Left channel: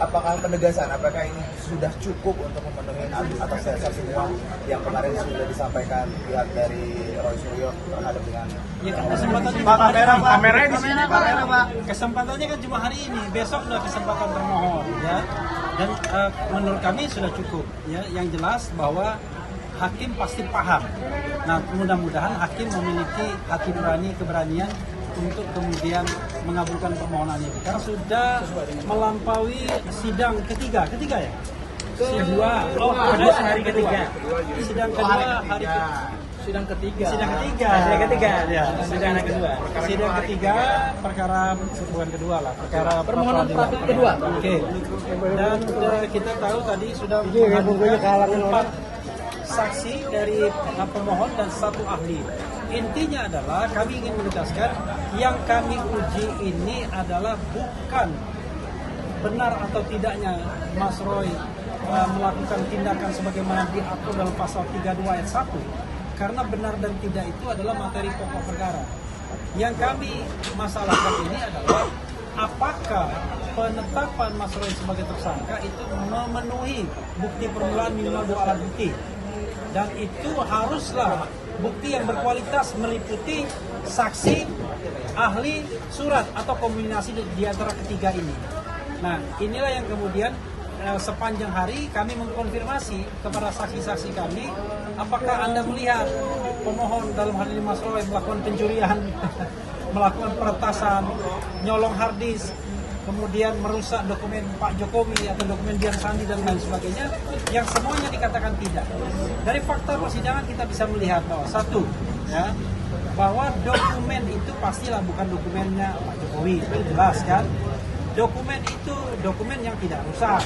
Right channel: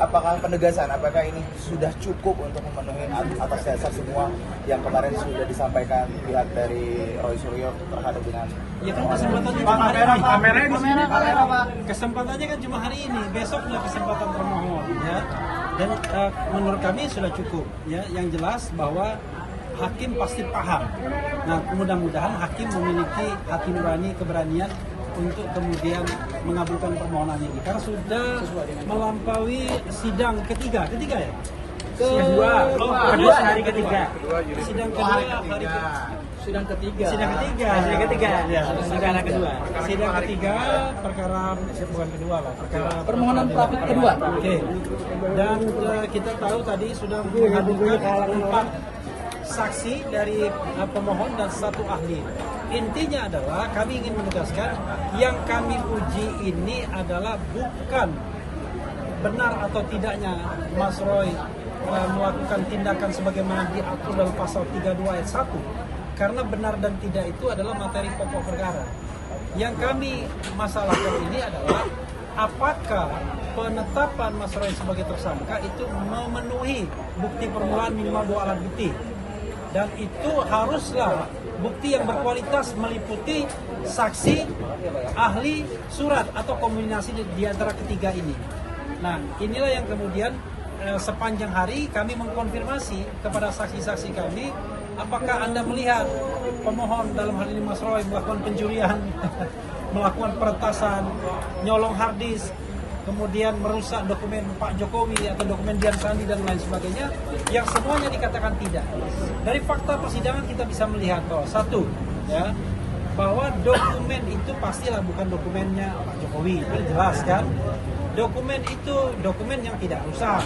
apakah penegasan, apakah ini sudah cukup untuk memenuhi atas dasar semua yang kemarin sudah disampaikan pihak dari Roy Suryo terhadap dengan Ya kan kesempatannya Pak, kameranya di sini, kamera Pak. Kesempatannya kan cuma hari ini, besok nggak kesempatan termohon ya. Dan menurut kami sudah cukup ya. Yang jelas bahwa hakim pasti paham. Nah, mudah-mudahan hakim memiliki hati nurani, keberanian untuk kemudian mengabulkan permohonan ini. Karena sudah melampaui sidang ketiga ya? Kedua hari ketiga. Sidang kedua hari sidang ketiga ya. Sidang ketiga perkara bukan kedua lah, perkara permohonan pra-peradilan kedua. Oke. Dan kita tahu tadi sudah menghadirkan 4 saksi dari pemohon dan 1 ahli. Intinya adalah kami ingin menegaskan yang kami uji ini adalah bukan benar atau tidaknya Mas Roy melakukan tindakan sebagaimana diatur dalam pasal 32 ayat 1. Karena benar dan tidak itu adalah materi pokok perkara. Yang kami masalahkan ini adalah apakah penetapan Mas Roy sebagai tersangka itu memenuhi bukti permulaan minimal 2 alat bukti. Dan itu haruslah bukti yang berkualitas meliputi saksi, ahli, surat atau kombinasi di antara ketiga ini. Nah, inilah yang kemudian sepanjang hari kami mengkonfirmasi kepada saksi-saksi kami, apakah Anda melihat pemohon dalam hal ini Mas Roy melakukan pencurian, melakukan peretasan, nyolong harddisk, kemudian merusak dokumen Pak Jokowi atau dokumen Dian Sandi dan lain sebagainya, yang semuanya dikatakan tidak. Dari fakta persidangan kita bisa melihat bahwa satu, ya, bahwa dokumen itu pastilah bukan dokumennya Pak Jokowi, itu jelas kan. Dokumen itu dokumen yang tidak rusak,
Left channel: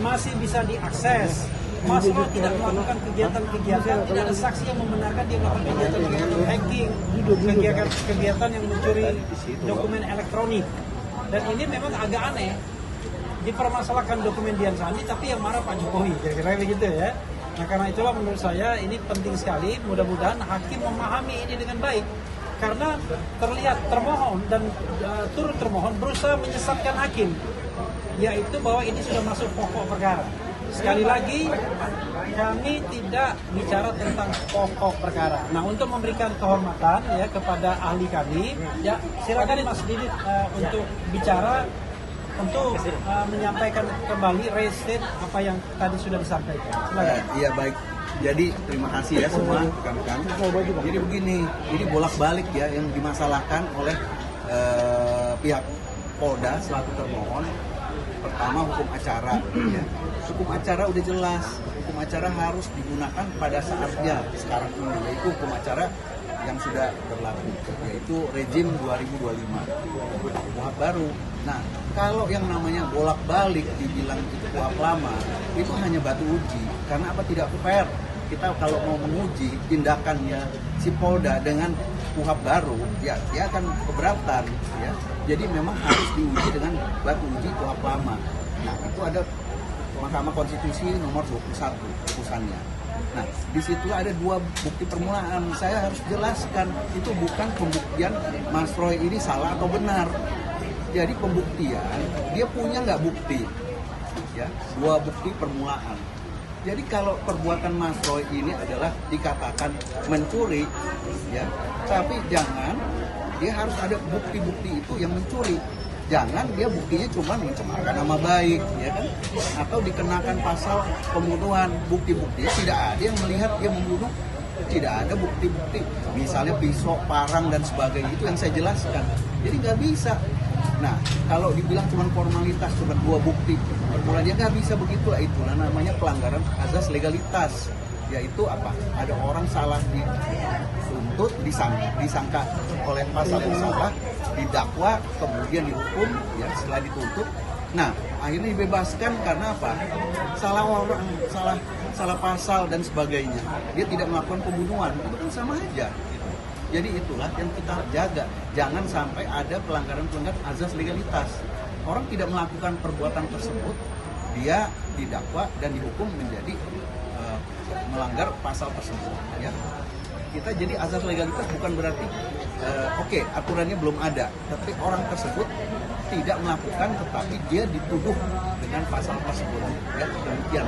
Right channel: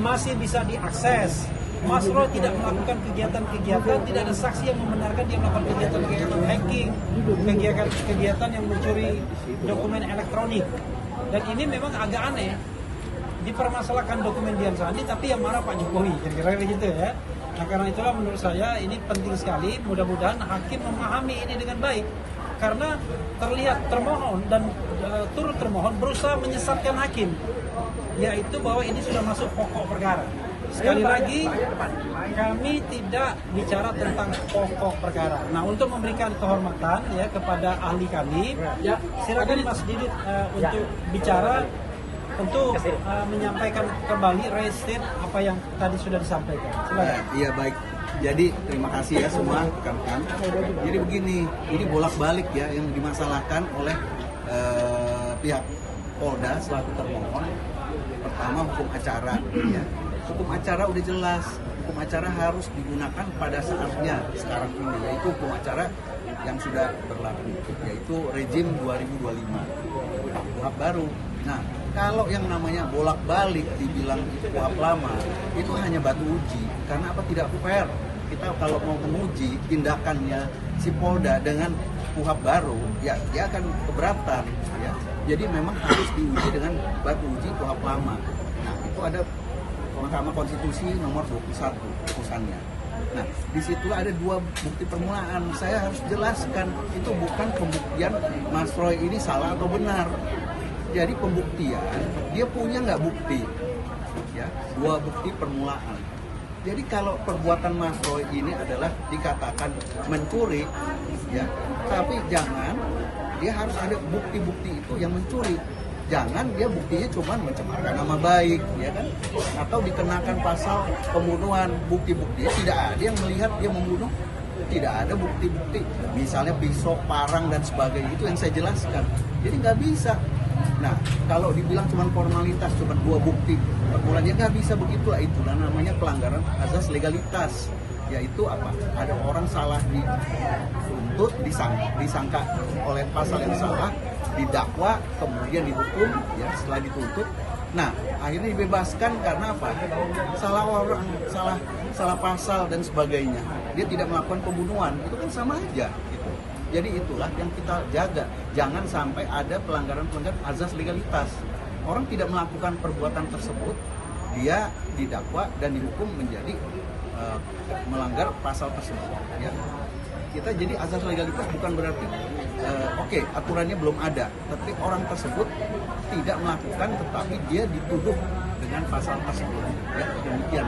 masih bisa diakses. Mas Roy tidak melakukan kegiatan-kegiatan, tidak ada saksi yang membenarkan dia melakukan kegiatan-kegiatan hacking, kegiatan yang mencuri dokumen elektronik. Dan ini memang agak aneh, dipermasalahkan dokumen Dian Sandi tapi yang marah Pak Jokowi, kira-kira begitu ya. Nah, karena itulah menurut saya ini penting sekali, mudah-mudahan hakim memahami ini dengan baik. Karena terlihat termohon dan turut termohon berusaha menyesatkan hakim, yaitu bahwa ini sudah masuk pokok perkara. Sekali lagi, kami tidak bicara tentang pokok perkara. Nah, untuk memberikan kehormatan ya kepada ahli kami, ya silakan Mas Didit untuk bicara, untuk menyampaikan kembali restate apa yang tadi sudah disampaikan. Silakan. Iya, baik. Jadi terima kasih ya semua rekan-rekan. Jadi begini, ini bolak-balik ya yang dimasalahkan oleh pihak Polda selaku termohon. Pertama, hukum acara ya. Hukum acara udah jelas, hukum acara harus digunakan pada saatnya sekarang ini, yaitu hukum acara yang sudah berlaku, yaitu rejim 2025 KUHP baru. Nah, kalau yang namanya bolak-balik dibilang itu KUHP lama, itu hanya batu uji. Karena apa? Tidak fair. Kita kalau mau menguji tindakannya si Polda dengan KUHP baru, ya dia akan keberatan ya. Jadi memang harus diuji dengan batu uji KUHP lama. Nah, itu ada Mahkamah Konstitusi nomor 21 putusannya. Nah, di situ ada 2 bukti permulaan. Saya harus jelaskan itu bukan pembuktian Mas Roy ini salah atau benar. Jadi pembuktian dia punya nggak bukti, ya 2 bukti permulaan. Jadi kalau perbuatan Mas Roy ini adalah dikatakan mencuri, ya, tapi jangan dia harus ada bukti-bukti itu yang mencuri. Jangan dia buktinya cuma mencemarkan nama baik, ya kan? Atau dikenakan pasal pembunuhan, bukti-buktinya tidak ada yang melihat dia membunuh, tidak ada bukti-bukti, misalnya pisau, parang dan sebagainya, itu yang saya jelaskan. Jadi nggak bisa. Nah, kalau dibilang cuma formalitas, cuma 2 bukti permulaan, ya nggak bisa begitulah. Itulah namanya pelanggaran azas legalitas. Yaitu apa? Ada orang salah dituntut, disangka oleh pasal yang salah, didakwa, kemudian dihukum, ya setelah dituntut. Nah, akhirnya dibebaskan karena apa? Salah orang, salah pasal dan sebagainya. Dia tidak melakukan pembunuhan, itu kan sama aja. Gitu. Jadi itulah yang kita jaga. Jangan sampai ada pelanggaran-pelanggaran azas legalitas. Orang tidak melakukan perbuatan tersebut, dia didakwa dan dihukum menjadi melanggar pasal tersebut. Ya. kita jadi asas legalitas bukan berarti oke, aturannya belum ada, tapi orang tersebut tidak melakukan tetapi dia dituduh dengan pasal tersebut, ya demikian.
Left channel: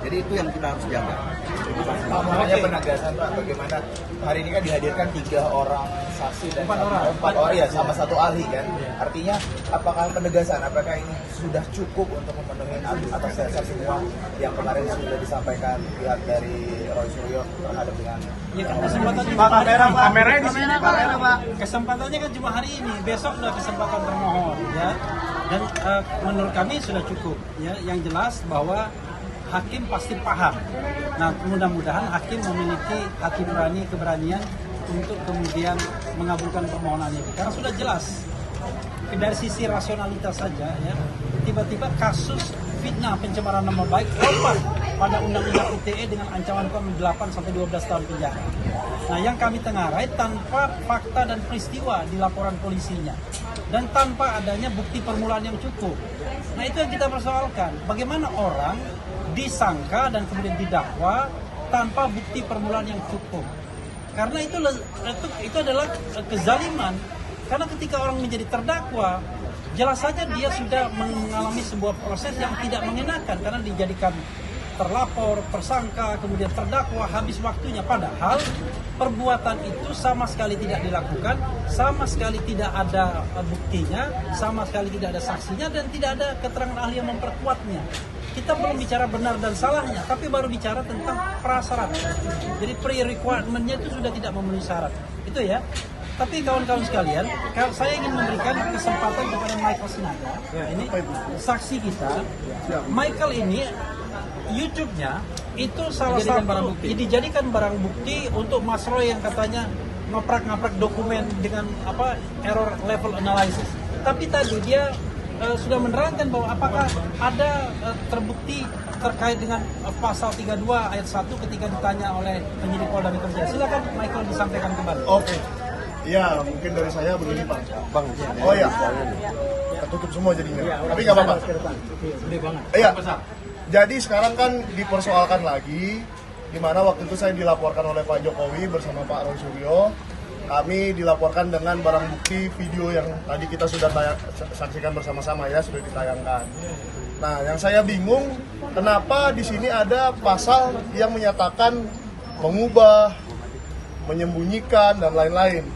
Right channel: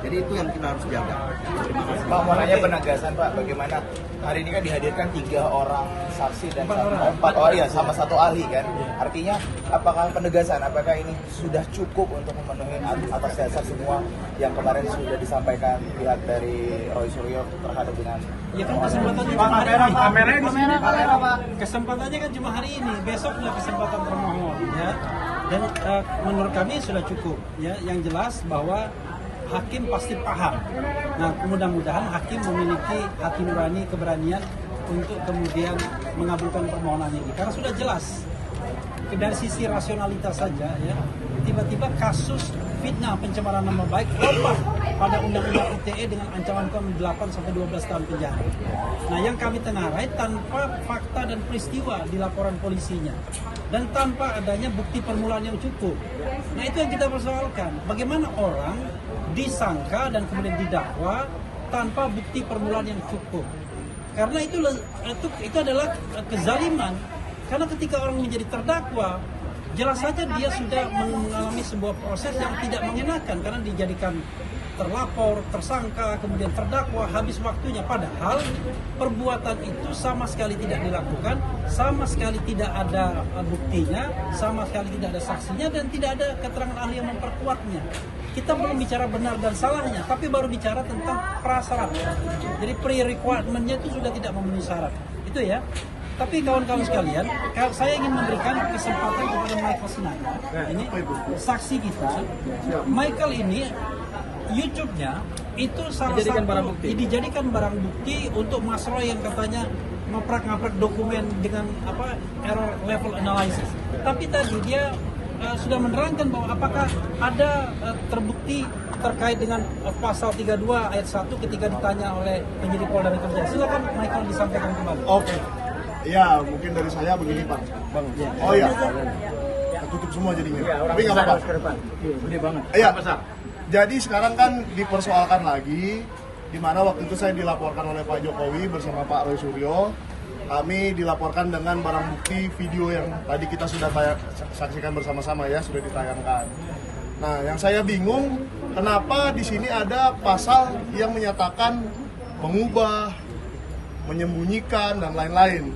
Jadi itu yang kita harus jaga. Terima kasih. Pak, makanya penegasan Pak, bagaimana hari ini kan dihadirkan 3 orang saksi dan 4 orang ya sama 1 ahli kan. Artinya apakah penegasan, apakah ini sudah cukup untuk memenuhi atas dasar semua yang kemarin sudah disampaikan pihak dari Roy Suryo terhadap dengan Ya kan kesempatannya Pak, cuma hari kamera, ini. Pak. Kamera di sini, kamera, Pak. Kesempatannya kan cuma hari ini, besok adalah kesempatan termohon ya. Dan menurut kami sudah cukup ya. Yang jelas bahwa hakim pasti paham. Nah, mudah-mudahan hakim memiliki hati nurani, keberanian untuk kemudian mengabulkan permohonan ini. Karena sudah jelas dari sisi rasionalitas saja ya, tiba-tiba kasus fitnah pencemaran nama baik lompat pada undang-undang ITE dengan ancaman hukuman 8 sampai 12 tahun penjara. Nah, yang kami tengarai tanpa fakta dan peristiwa di laporan polisinya dan tanpa adanya bukti permulaan yang cukup. Nah, itu yang kita persoalkan. Bagaimana orang disangka dan kemudian didakwa tanpa bukti permulaan yang cukup? Karena itu adalah kezaliman. Karena ketika orang menjadi terdakwa, jelas saja dia sudah mengalami sebuah proses yang tidak mengenakan karena dijadikan terlapor, tersangka, kemudian terdakwa, habis waktunya. Padahal perbuatan itu sama sekali tidak dilakukan, sama sekali tidak ada buktinya, sama sekali tidak ada saksinya, dan tidak ada keterangan ahli yang memperkuatnya. Kita belum bicara benar dan salahnya, tapi baru bicara tentang prasyarat. Jadi pre-requirement-nya itu sudah tidak memenuhi syarat. Itu ya. Tapi kawan-kawan sekalian, saya ingin memberikan kesempatan kepada Michael Sinaga. Ini saksi kita. Michael ini YouTube-nya itu salah satu dijadikan barang bukti untuk Mas Roy yang katanya ngaprak-ngaprak dokumen dengan error level analysis. Tapi tadi dia sudah menerangkan bahwa apakah ada terbukti terkait dengan pasal 32 ayat 1 ketika ditanya oleh penyidik Polda Metro Jaya. Silakan Michael disampaikan kembali. Oke. Ya, mungkin dari saya begini Pak. Bang. Oh ya. Ketutup semua jadinya. Tapi nggak apa-apa. Gede banget. Iya. Jadi sekarang kan dipersoalkan lagi, di mana waktu itu saya dilaporkan oleh Pak Jokowi bersama Pak Roy Suryo. Kami dilaporkan dengan barang bukti video yang tadi kita sudah saksikan bersama-sama ya, sudah ditayangkan. Nah, yang saya bingung, kenapa di sini ada pasal yang menyatakan mengubah, menyembunyikan dan lain-lain,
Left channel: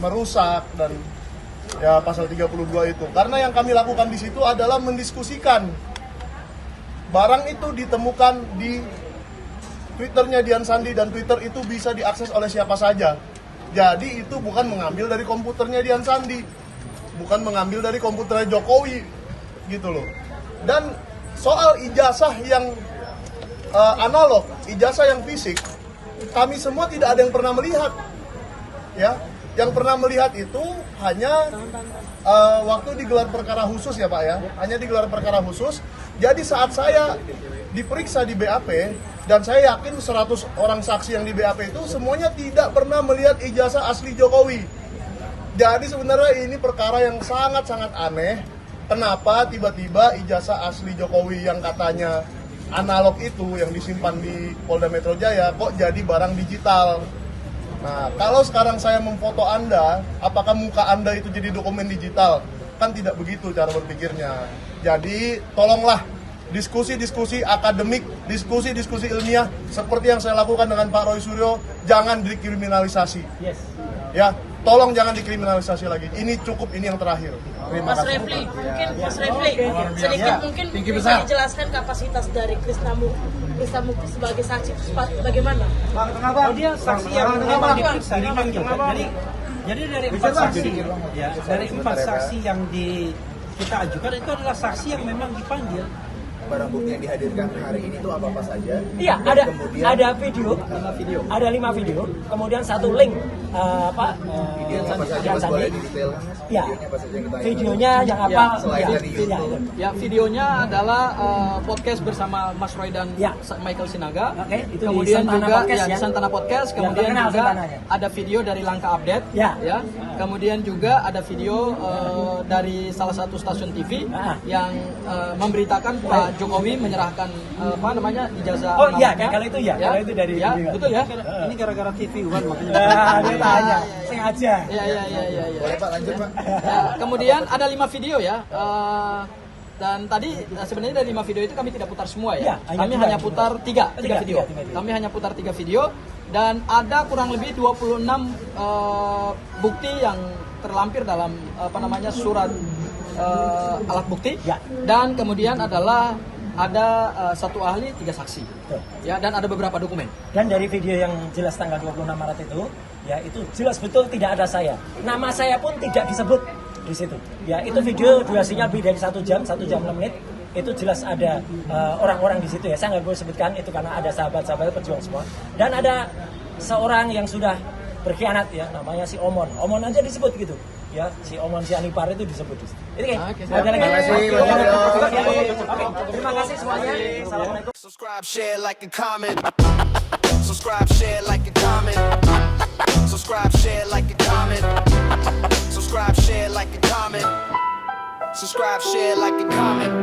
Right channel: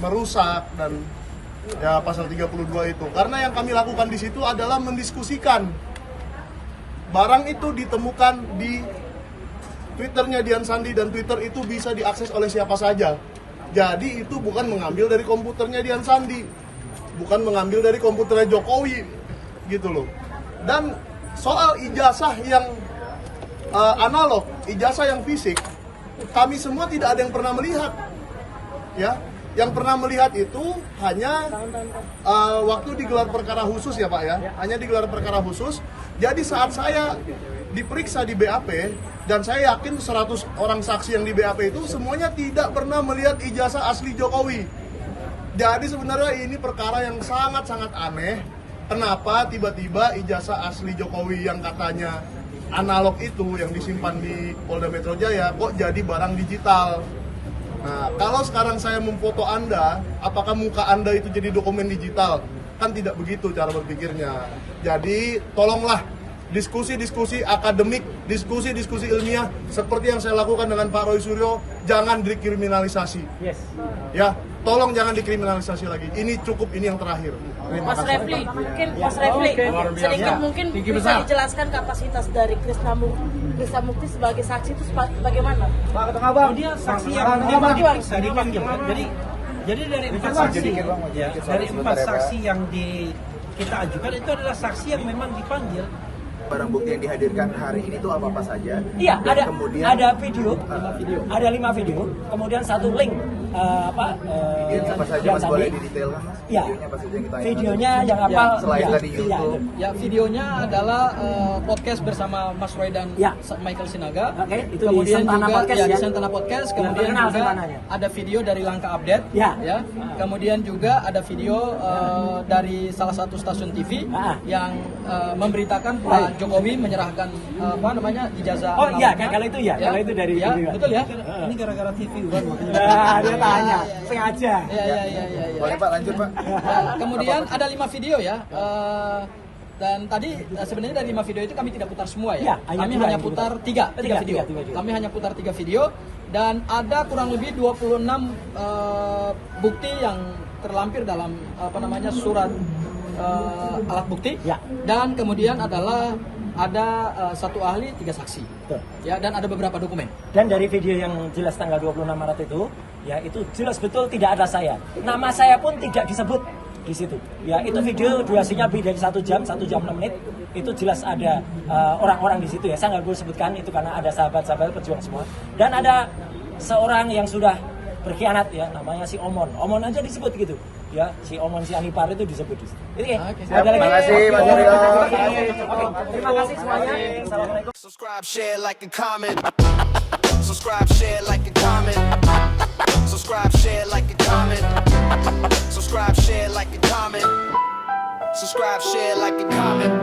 merusak dan ya pasal 32 itu. Karena yang kami lakukan di situ adalah mendiskusikan. Barang itu ditemukan di Twitternya Dian Sandi dan Twitter itu bisa diakses oleh siapa saja. Jadi itu bukan mengambil dari komputernya Dian Sandi, bukan mengambil dari komputernya Jokowi, gitu loh. Dan soal ijazah yang analog, ijazah yang fisik, kami semua tidak ada yang pernah melihat, ya. Yang pernah melihat itu hanya waktu digelar perkara khusus ya Pak ya, hanya digelar perkara khusus. Jadi saat saya diperiksa di BAP, dan saya yakin 100 orang saksi yang di BAP itu semuanya tidak pernah melihat ijazah asli Jokowi. Jadi sebenarnya ini perkara yang sangat-sangat aneh. Kenapa tiba-tiba ijazah asli Jokowi yang katanya analog itu yang disimpan di Polda Metro Jaya kok jadi barang digital? Nah, kalau sekarang saya memfoto Anda, apakah muka Anda itu jadi dokumen digital? Kan tidak begitu cara berpikirnya. Jadi, tolonglah diskusi-diskusi akademik, diskusi-diskusi ilmiah seperti yang saya lakukan dengan Pak Roy Suryo, jangan dikriminalisasi. Yes. Ya, tolong jangan dikriminalisasi lagi. Ini cukup, ini yang terakhir. Terima Mas kasih. Refli, sedikit mungkin bisa dijelaskan kapasitas dari Krisna Mukti sebagai saksi itu bagaimana? Dia saksi yang diperiksa, dipanggil kan. Jadi dari 4 saksi, ya, dari 4 saksi yang kita ajukan itu adalah saksi yang memang dipanggil. barang bukti yang dihadirkan hari ini itu apa saja? Iya, Dan ada kemudian ada video, ada 5 video, kemudian 1 link Videonya apa saja Mas, boleh didetailkan Mas? Ya, Videonya apa saja kita videonya yang apa? selain dari YouTube. Ya, videonya adalah podcast bersama Mas Roy dan Ya. Michael Sinaga. Oke, itu di kemudian Santana juga Podcast, di ya. Santana Podcast. Yang Kemudian terkenal juga Santananya. ada video dari Langkah Update. Ya. Kemudian juga ada video dari salah satu stasiun TV yang memberitakan Pak Jokowi menyerahkan ijazah. Oh iya, amanah. kalau itu ya, kalau itu dari Ya, video. betul ya. Ini gara-gara TV kan. Dia tanya, sengaja. Ya. Boleh Pak, lanjut Pak. Ya, kemudian ada 5 video ya. Dan tadi sebenarnya dari 5 video itu kami tidak putar semua ya. Ya, hanya Kami dua hanya yang putar diputar. 3 Tiga video. video. Kami hanya putar 3 video dan ada kurang lebih 26 bukti yang terlampir dalam surat alat bukti. Ya. Dan kemudian adalah ada 1 ahli 3 saksi. Betul. Ya, dan ada beberapa dokumen. Dan dari video yang jelas tanggal 26 Maret itu, ya itu jelas betul tidak ada saya. Nama saya pun tidak disebut di situ. Ya, itu video durasinya lebih dari 1 jam 6 menit. Itu jelas ada orang-orang di situ ya. Saya nggak boleh sebutkan itu karena ada sahabat-sahabat pejuang semua. Dan ada seorang yang sudah berkhianat ya, namanya si Omon. Omon aja disebut gitu. Ya, si Omon si Anipar itu disebut di situ. Itu kayak. Ada lagi. Terima kasih, Mas Yoyo. Oke, terima kasih semuanya. Assalamualaikum. Subscribe, share, like, and comment. Subscribe, share, like, and comment. Subscribe, share, like, and comment. Subscribe, share, like, and comment. Subscribe, share, like, and comment.